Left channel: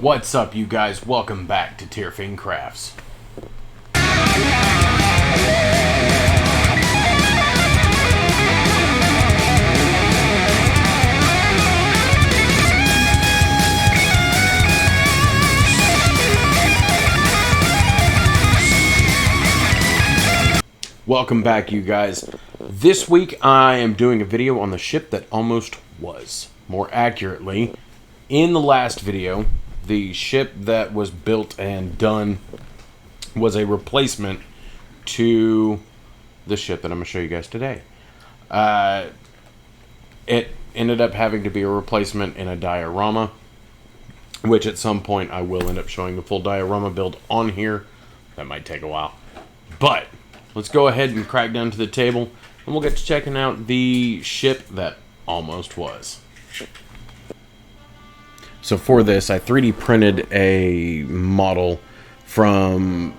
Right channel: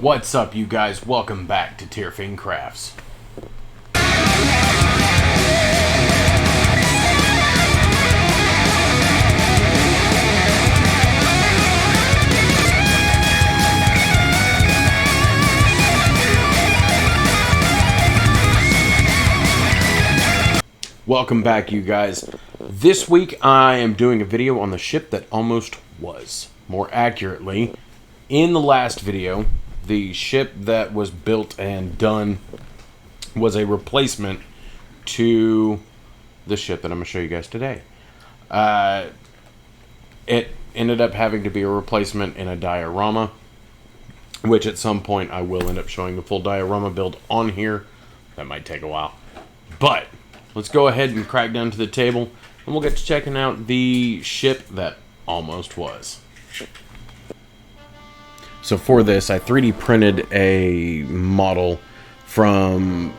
What's up, you guys? Welcome back to Tierfing Crafts. Welcome back, you guys. This week I am doing a video on the ship that almost was. More accurately, in the last video, the ship that was built and done was a replacement to the ship that I'm going to show you guys today. It ended up having to be a replacement in a diorama, which at some point I will end up showing the full diorama build on here. That might take a while. But let's go ahead and crack down to the table, and we'll get to checking out the ship that almost was. So for this, I 3D printed a model from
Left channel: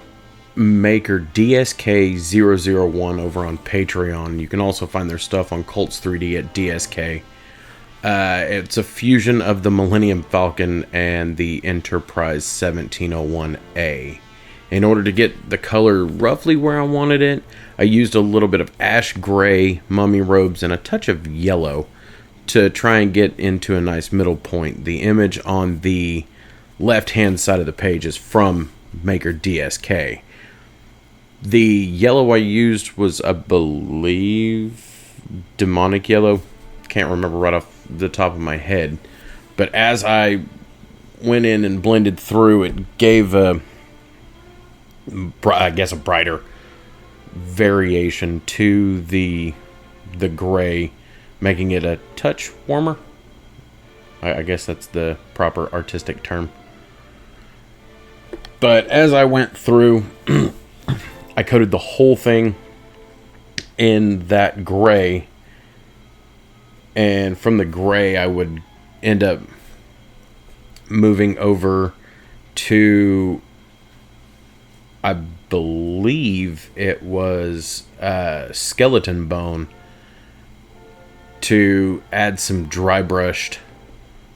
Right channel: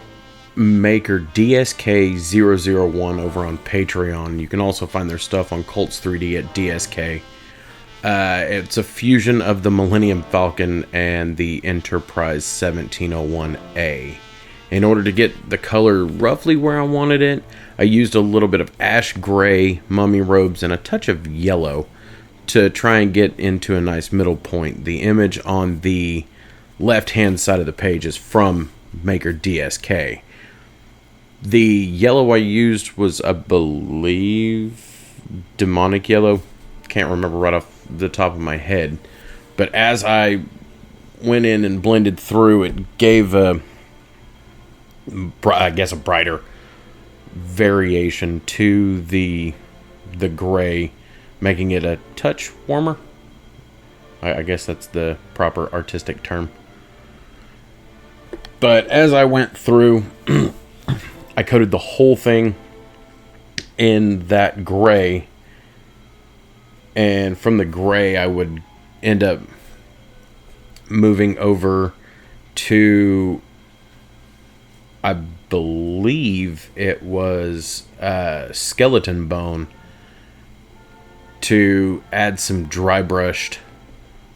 Maker DSK 001 over on Patreon. You can also find their stuff on Colts 3D at DSK. It's a fusion of the Millenium Falcon and the Enterprise 1701A. In order to get the color roughly where I wanted it, I used a little bit of ash gray, mummy robes, and a touch of yellow to try and get into a nice middle point. The image on the left-hand side of the page is from Maker DSK. The yellow I used was, I believe, demonic yellow. Can't remember right off the top of my head. But as I went in and blended through, it gave a brighter variation to the gray, making it a touch warmer. I guess that's the proper artistic term. But as I went through, I coated the whole thing in that gray, and from the gray I would end up moving over to, I believe it was skeleton bone, to add some dry brushed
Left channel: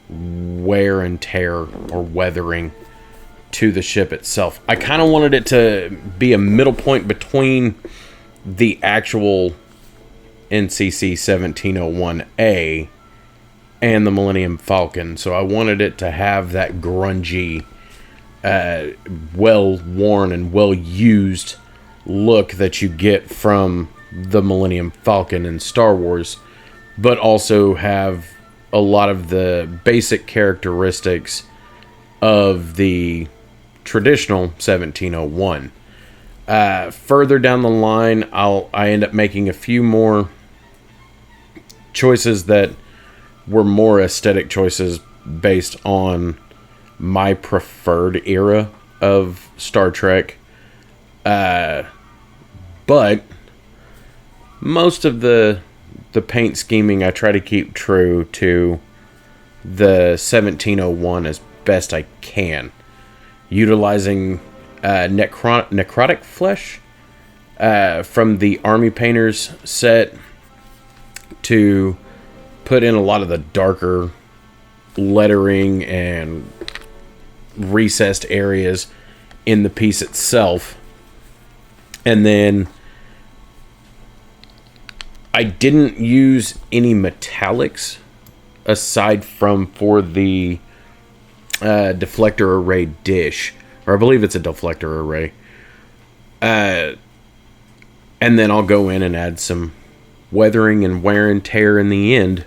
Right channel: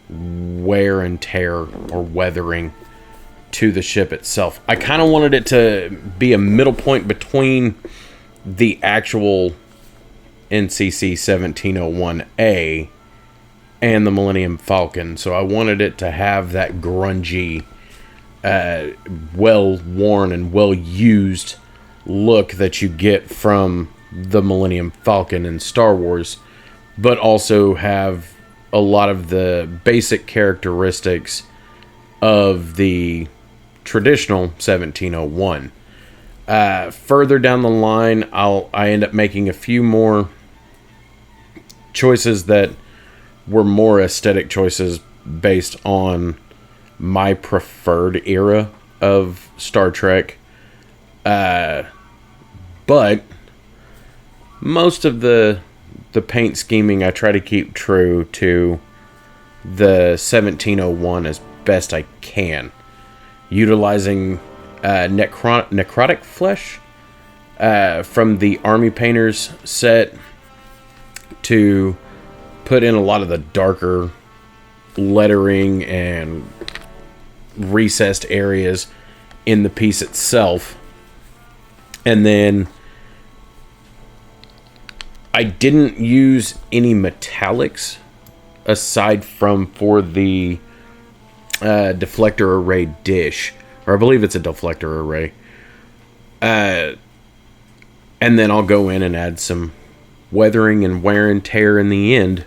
wear and tear or weathering to the ship itself. I kind of wanted it to be a middle point between the actual NCC 1701A and the Millenium Falcon. So I wanted it to have that grungy, well-worn and well-used look that you get from the Millenium Falcon in Star Wars, but also have a lot of the basic characteristics of the traditional 1701. Further down the line, I end up making a few more choices that were more aesthetic choices based on my preferred era of Star Trek. But most of the paint scheming I try to keep true to the 1701 as best I can, utilizing necrotic flesh from the Army Painters set to put in a lot of the darker lettering and recessed areas in the piece itself. And then I didn't use any metallics aside from for the deflector array dish, or I believe it's a deflector array. And then I'll go in and add some weathering and wear and tear in the end.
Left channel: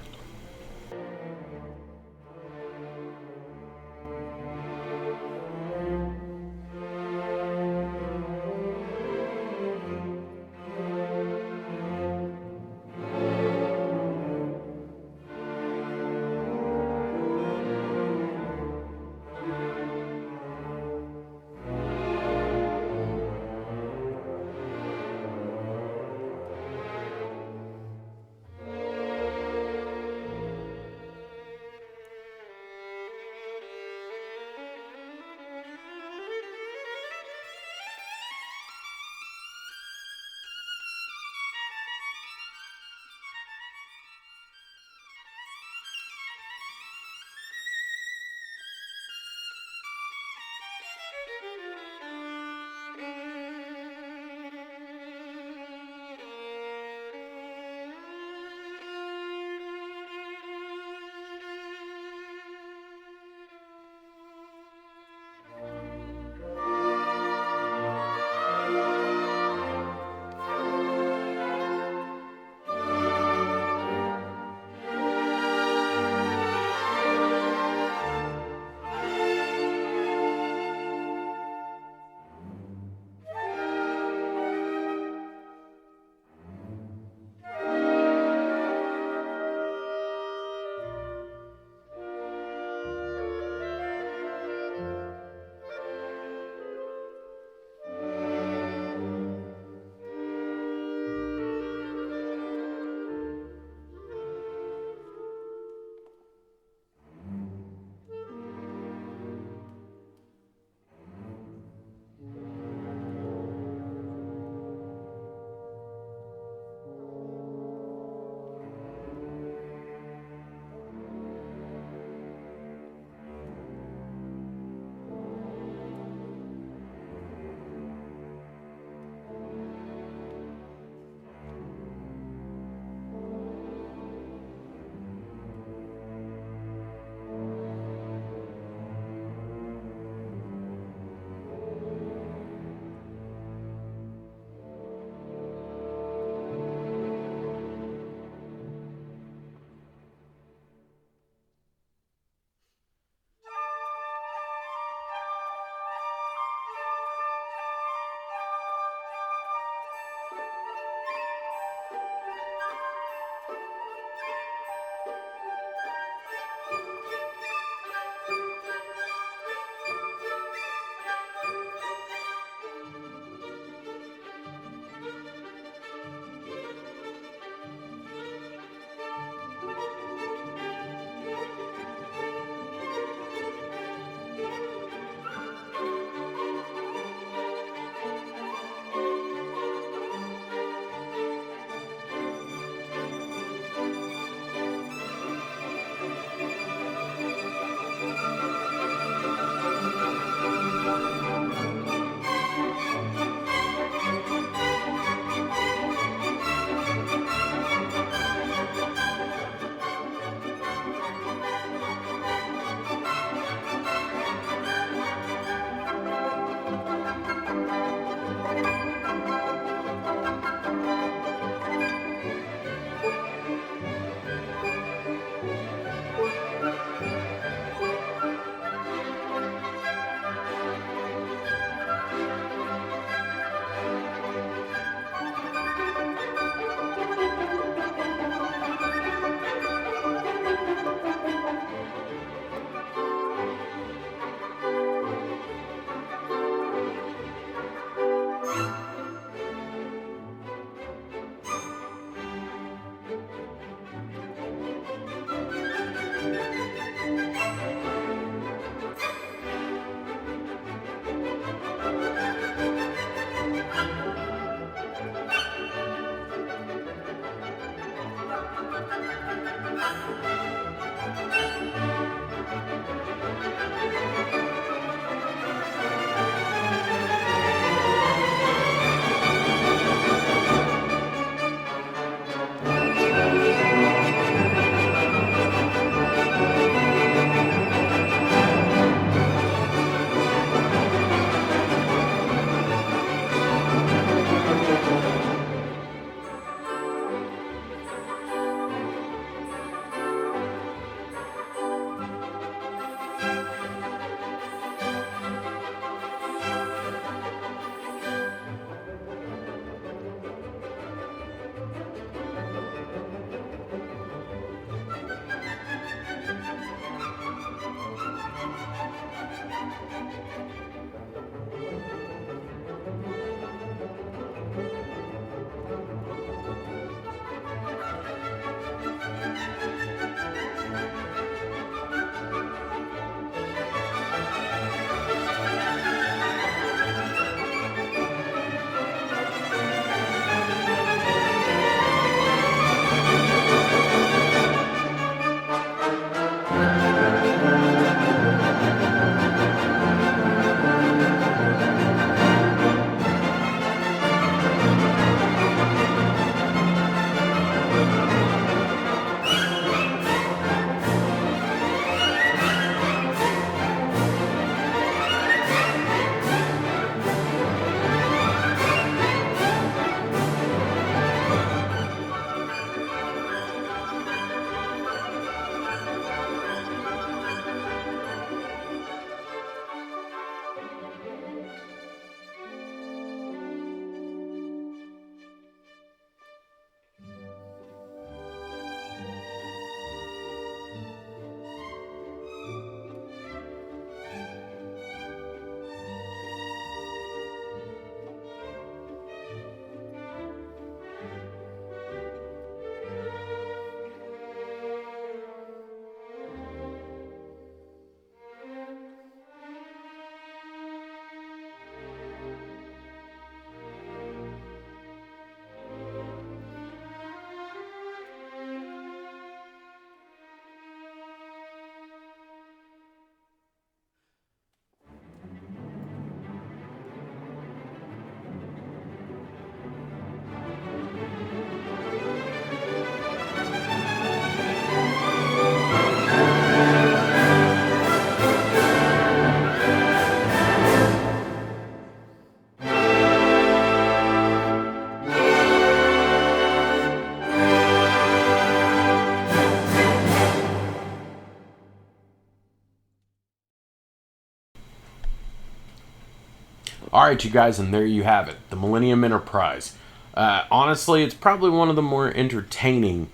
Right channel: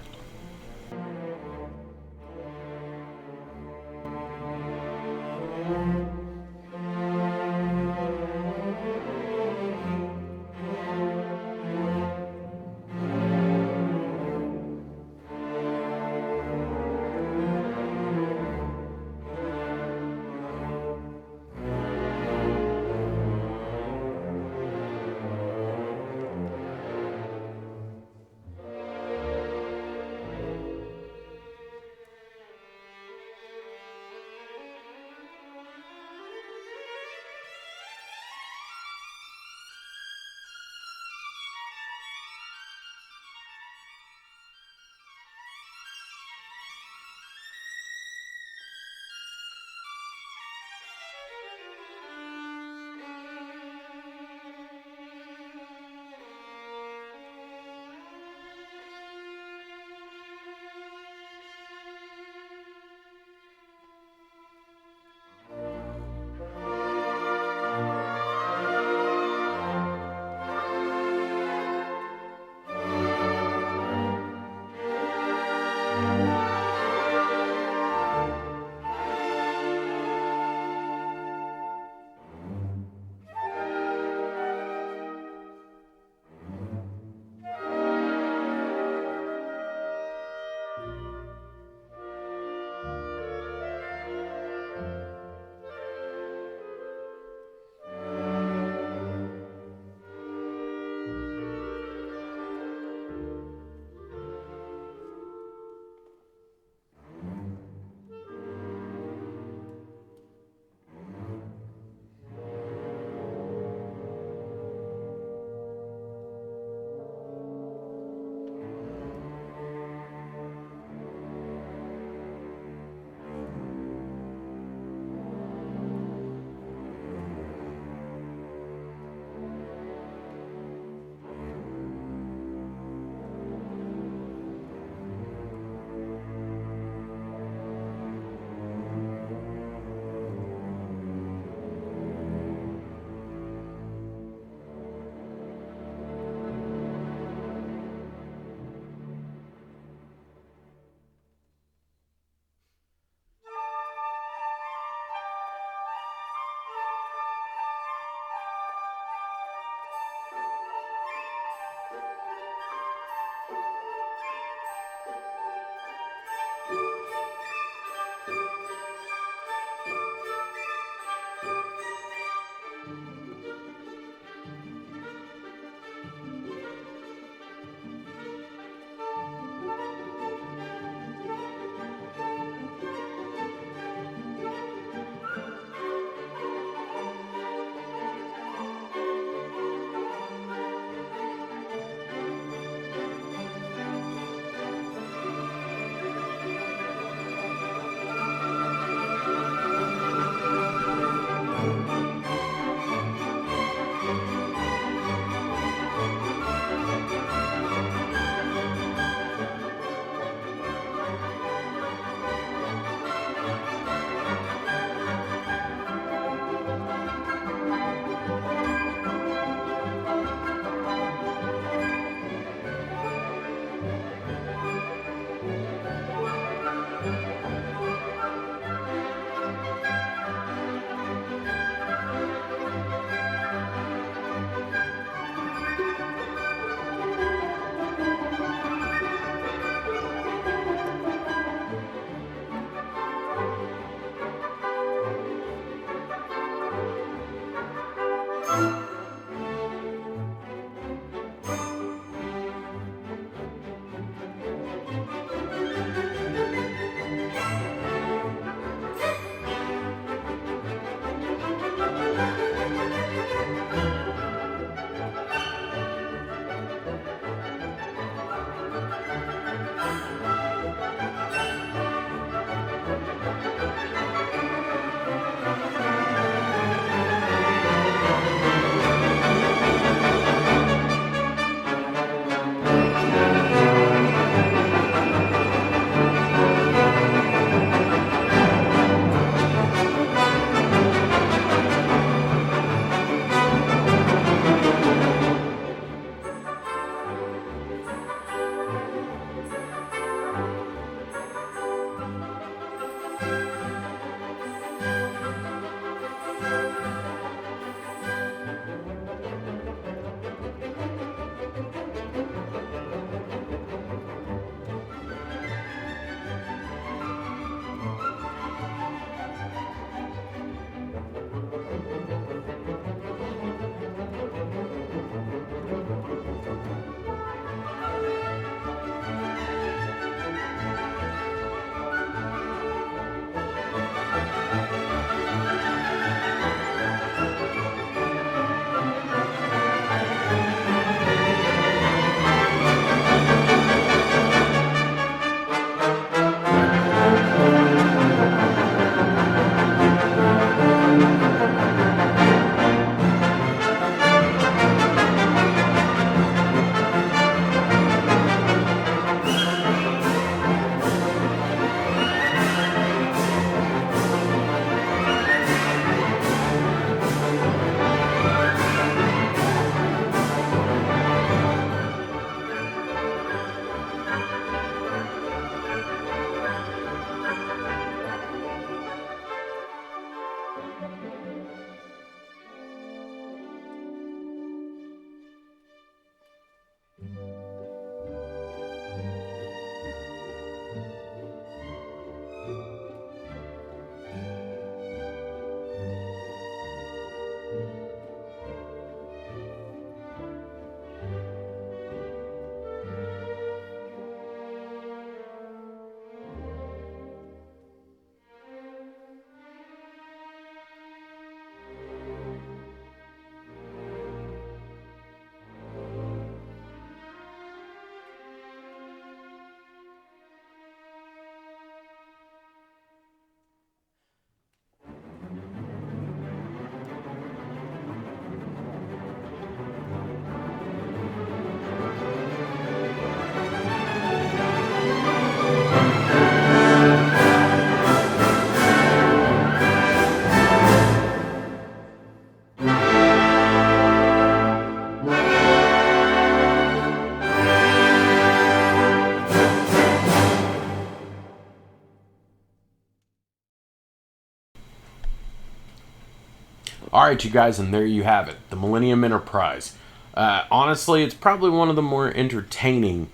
Alright, you guys, and there you have it. The Millenium Enterprise. Honestly, it's probably one of the more entertaining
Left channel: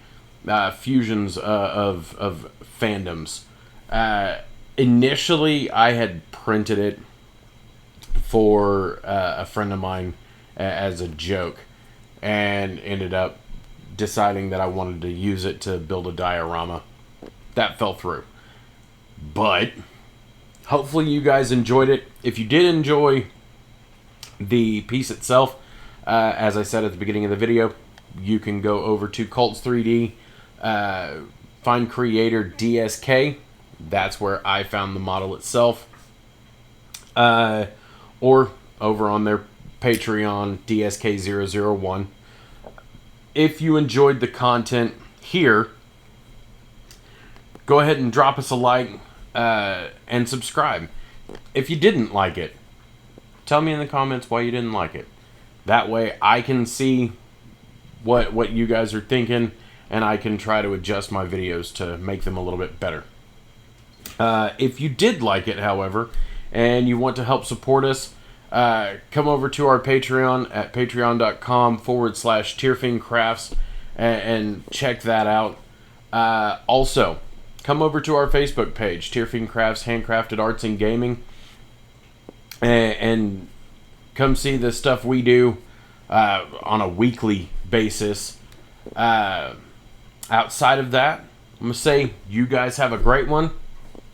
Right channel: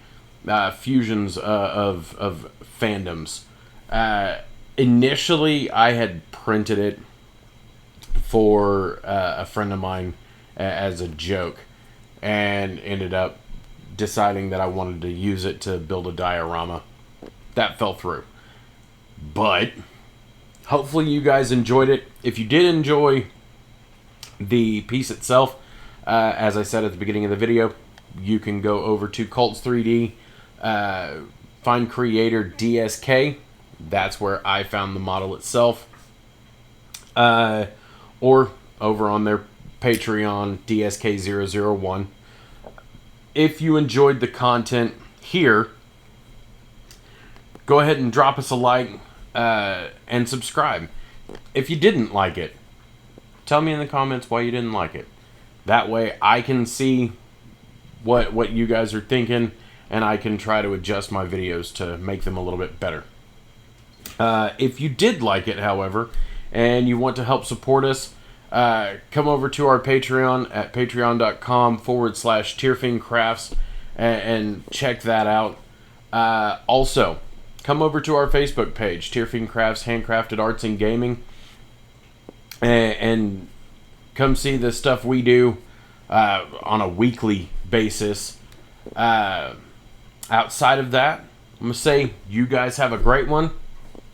fusions of fandoms. Initially, I had printed it for a friend of mine as a joke, and ended up deciding that I wanted to use it to build a diorama. That fell through. But hopefully you guys enjoyed it. If you did enjoy the piece itself, as I said at the beginning of the video, you can go over to Cults 3D, find creator DSK. That's where I found the model itself. Or over on their Patreon, DSK001. If you enjoyed the content here, go ahead and drop us a like and subscribe. If you didn't like it, tell me in the comments why you didn't like it. That way I can see what you guys are thinking, and I can try to adjust my videos to make them a little bit better. If you did like it, however, and you want to help support us, come over to our Patreon at patreon.com/TearFiendCrafts and check that out. Also, come over to our Facebook page, Tearfiend Crafts Handcrafted Arts and Gaming, and come see the stuff we do on a weekly basis. Outside of that, I'm going to say you guys have a great one.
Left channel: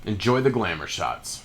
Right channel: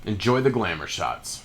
Enjoy the glamour shots.